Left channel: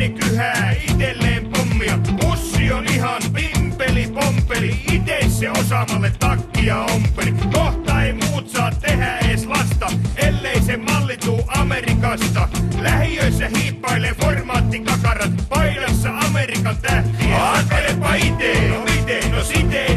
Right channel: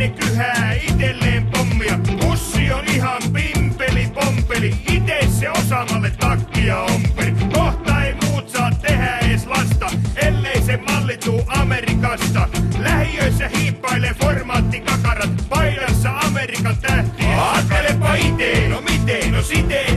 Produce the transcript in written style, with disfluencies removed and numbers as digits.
ne kyhää itelleen pommia. Pussi on ihan pimpeli pompeli, ite se osaamalle takkia ompeli. Kohta ei muut saa tehdä ees lasta, ellei se malli tuu Amerikasta. Lähiöissä hiippailee formaattikakarat, paidassa Amerikan tähtiä. Ajattelepa ite, no miten, no siten.